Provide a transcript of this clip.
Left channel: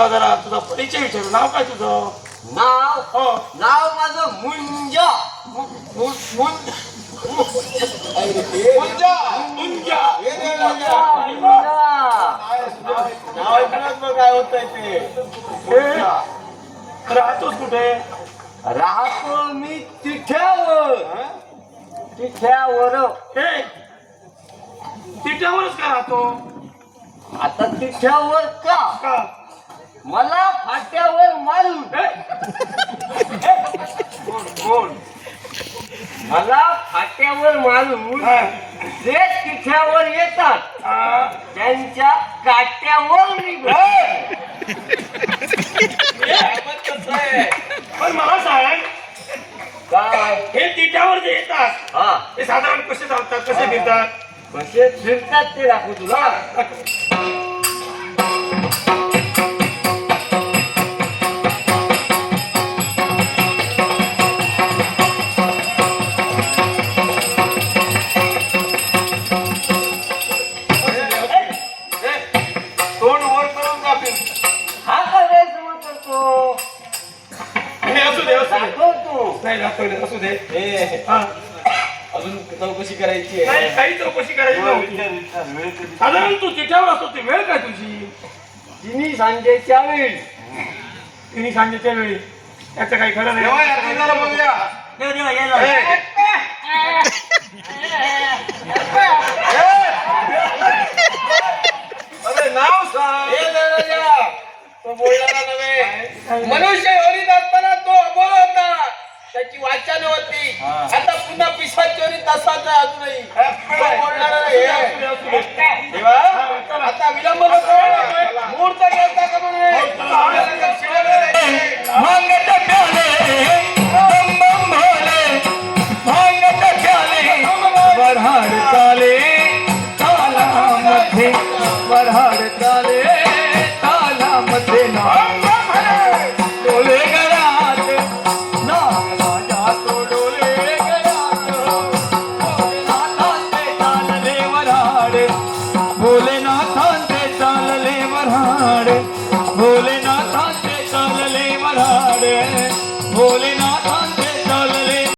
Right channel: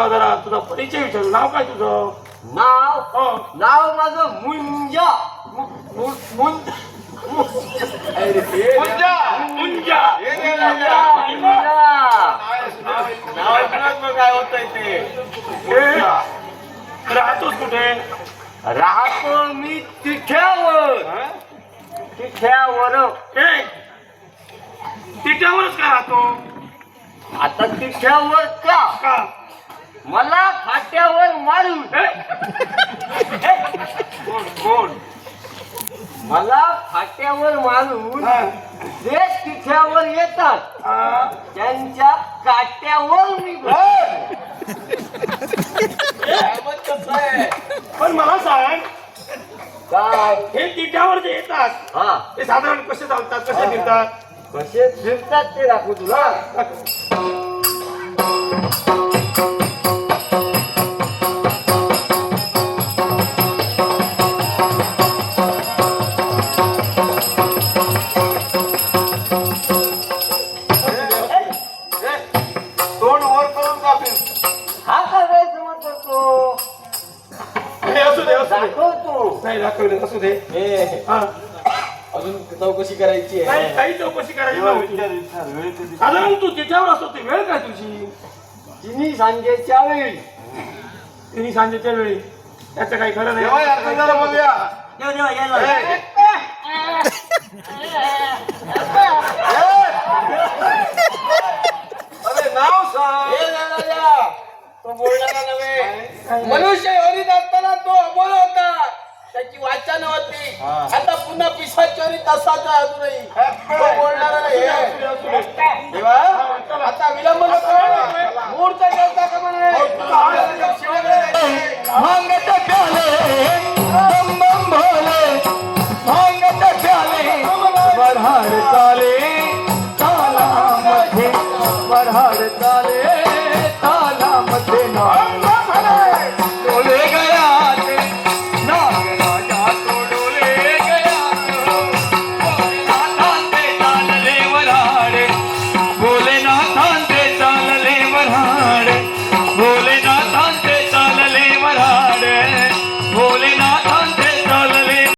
तुला जरा तुझा परिचय विचारू. नाव काय तुझं? नाव हो. नाव माझं मुंजा. मुंजा मुंजा काय होतंय ते? राहतोस कुठे? राहतो मी तिठ्यावर. तिठ्यावर. ए, तिच्यावरच का राहतो? आता तिठ्यावर का? का? मला फाट्यावर मारून. कोण? मला फाट्यावर मारून जे तिठ्यावर येतात त्यांच्या काट्यावर मी पण मला सांग, काय हे तिच्यावर जे येतात हा ते साधारण कसे चालतात, कसे फिरतात? कसे फिरतात ते दाखवू तुला. तोंड वर करून का फिरतात? हा करायचं मग करतो. हे असू दे, असू दे. दाखव तू. नाही दाखवले, असू दे. हा. अजून चौकशी करायची नाही, काही चौकशी करायची नव्हती. साधारण तू तिच्यावर असतो ती वेळ काय तुझी? तिन्ही सांजेच्या वेळी. तिन्ही सांजेच्या वेळी. त्याचं काही खरं नाही. देवा, देवा, ये ना. नाव सांग. तो बोलणारा नव्हे. मनुष्य हरीत असताना तो अबोल होता. त्याची वाचा नव्हती. आता पुन्हा पिसाच चोरी तसाच आहे अजूनही. तो बोलणारा नाही. देवा, आता विलंब नको. मुहूर्त घेता का म्हणे? भांगत प्याले बम बम भोले, भांगत प्याले वराड काले.